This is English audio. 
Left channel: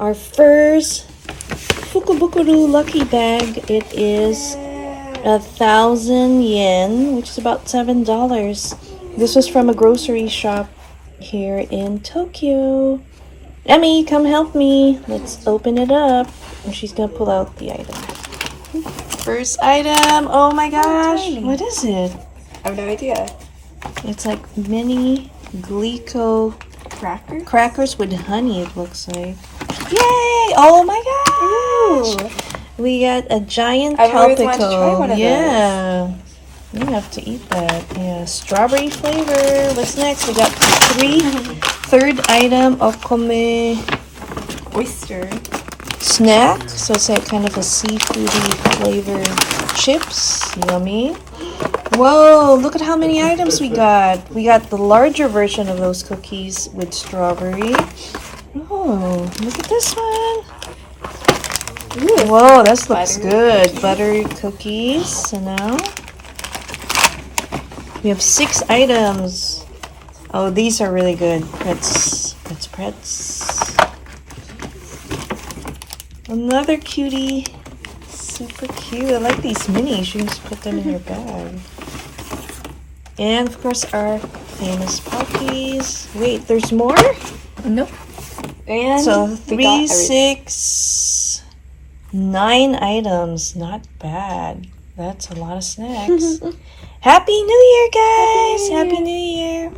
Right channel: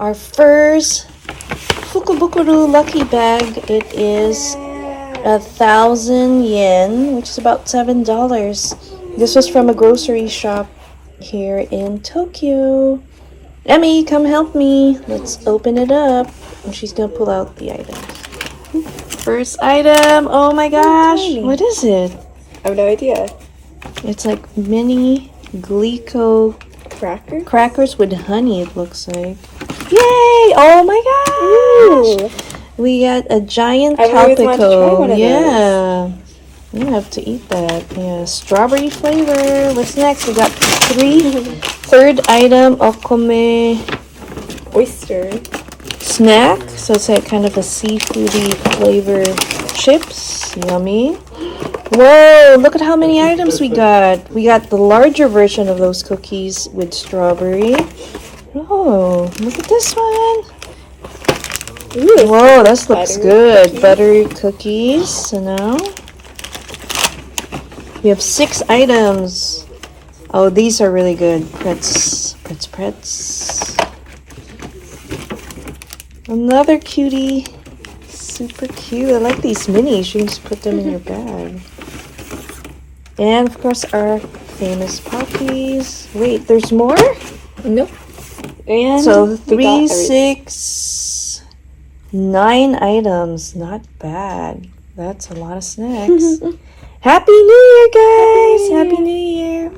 our first Fukubukuro lucky bag. It is 1,000 yen, which is about $7. This was from a grocery shop here in Tokyo. Emmy, come help me. Let's open it up. And she's gonna pull out the item. First item. Oh my gosh. What is it? I have no idea. It's like mini GLICO Crackers with honey, it looks like. Yay! Oh my gosh! Ooh. We got a giant I've always wanted to try tropical. one of Yeah. I have to eat that. Strawberry flavor. What's next? We got third item, okome oyster snack. So it's like kind of a seafoody flavored chips. Yummy. Whoa, look at how many items we got. We got the larger version of those cookies with strawberry. Oh, look at this one. Ooh, Whoa, this looks good. Buttery cookies. So now we have 6 items. Oh, these are really good. Pretz. Another cutie. Super cute. I like these minis. You just put them in your bag. And of course our famous puppies. Wait, there's more? Nope. And So 3, 6, 9 items. Not bad. That's a lot of snacks. Happy New Year, guys! Happy New Year!